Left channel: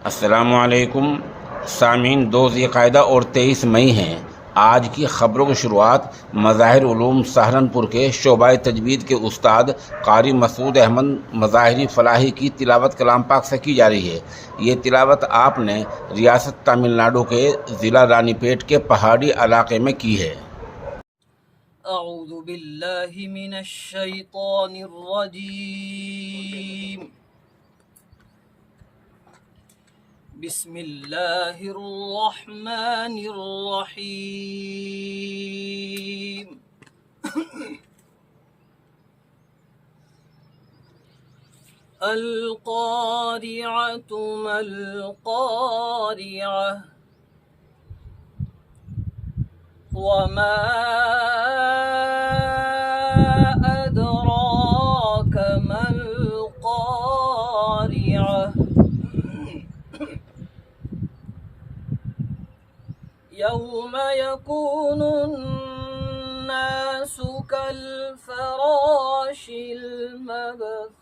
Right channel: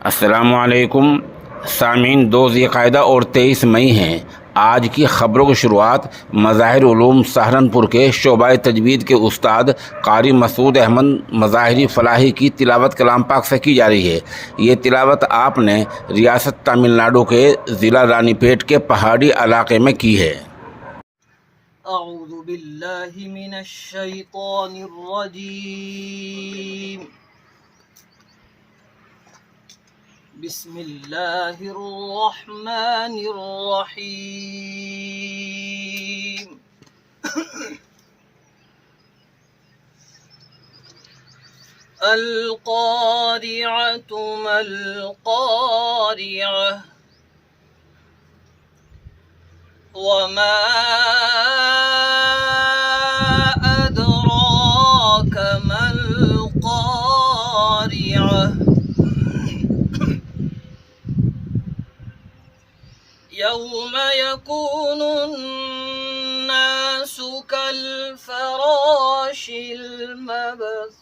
अस्सलामुअलैकुम सामीन। 2 ज़िलक़ाइदा और 23 मई हैं। आज की ख़बरों की शुरुआत मज़ाहिर उलूम सहारनपुर के शोबा तजवीद के उस्ताद कारी मसूद अहमद मज़ाहिरी फ़लाही की तिलावत कलाम पाक से की जा रही है। ये तिलावत आपने रियासत तमिलनाडु के ज़िला रानीपेट के पहाड़ी इलाके में की है। अऊज़ु बिल्लाहि मिनश शैतानिर रजीम। बिस्मिल्लाहिर रहमानिर रहीम। अल क़ारिअतु मल क़ारिअह वमा अदराक मल क़ारिअह यौम यकूनु अन्नासु कल्फ़राशिल मबसूस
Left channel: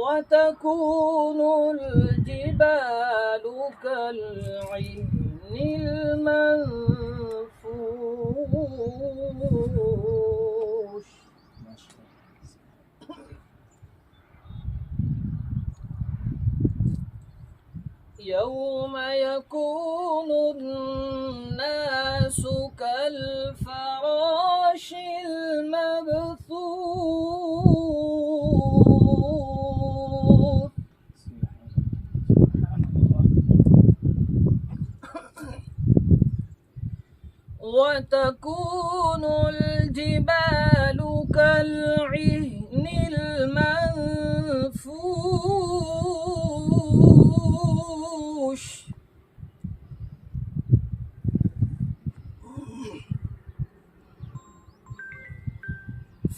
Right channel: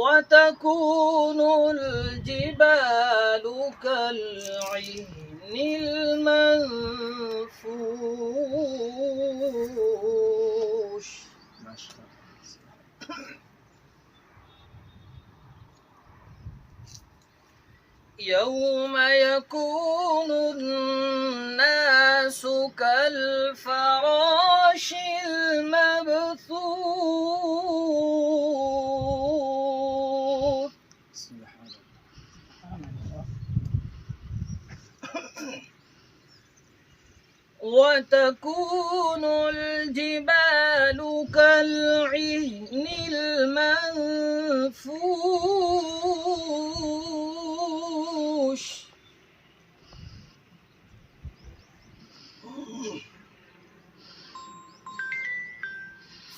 वतकूनुल जिबालु कल्इहनिल मंफूश यौम यकूनु अन्नासु कल्फ़राशिल मबसूस वतकूनुल जिबालु कल्इहनिल मंफूश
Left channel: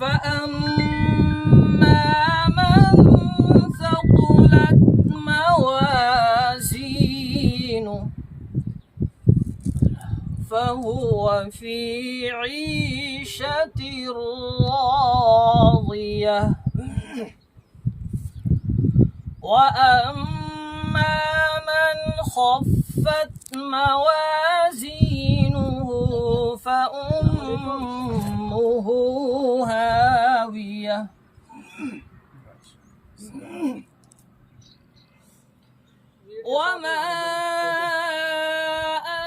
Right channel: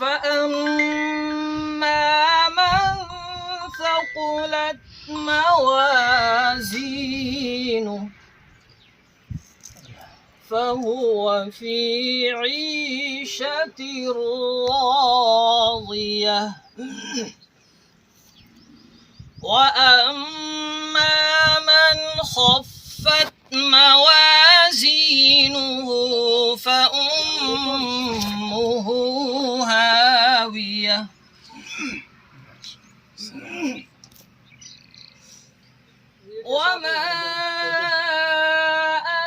فأما من ثقلت موازينه فهو في عيشة راضية وأما من خفت موازينه فأمه هاوية وما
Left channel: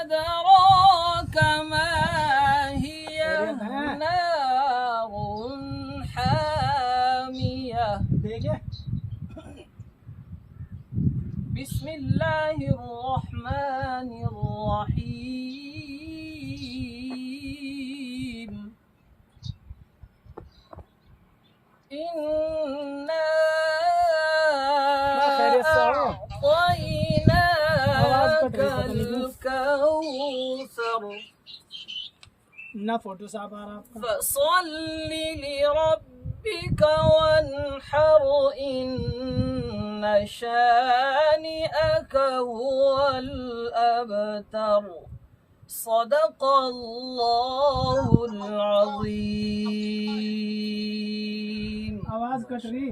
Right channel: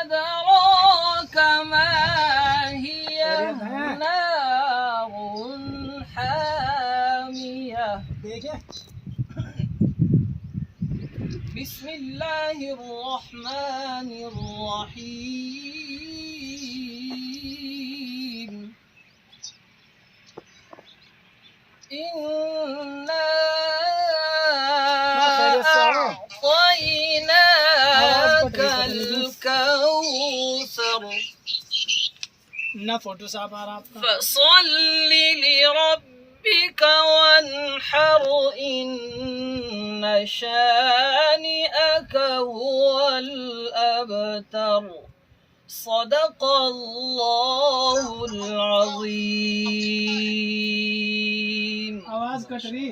أدراك ما هي نار حامية بسم الله الرحمن الرحيم إنا أعطيناك الكوثر ना फोटो साहब आ रहा आपका فصل لربك وانحر إن شانئك هو الأبتر صدق الله العظيم। आवाज कट रही।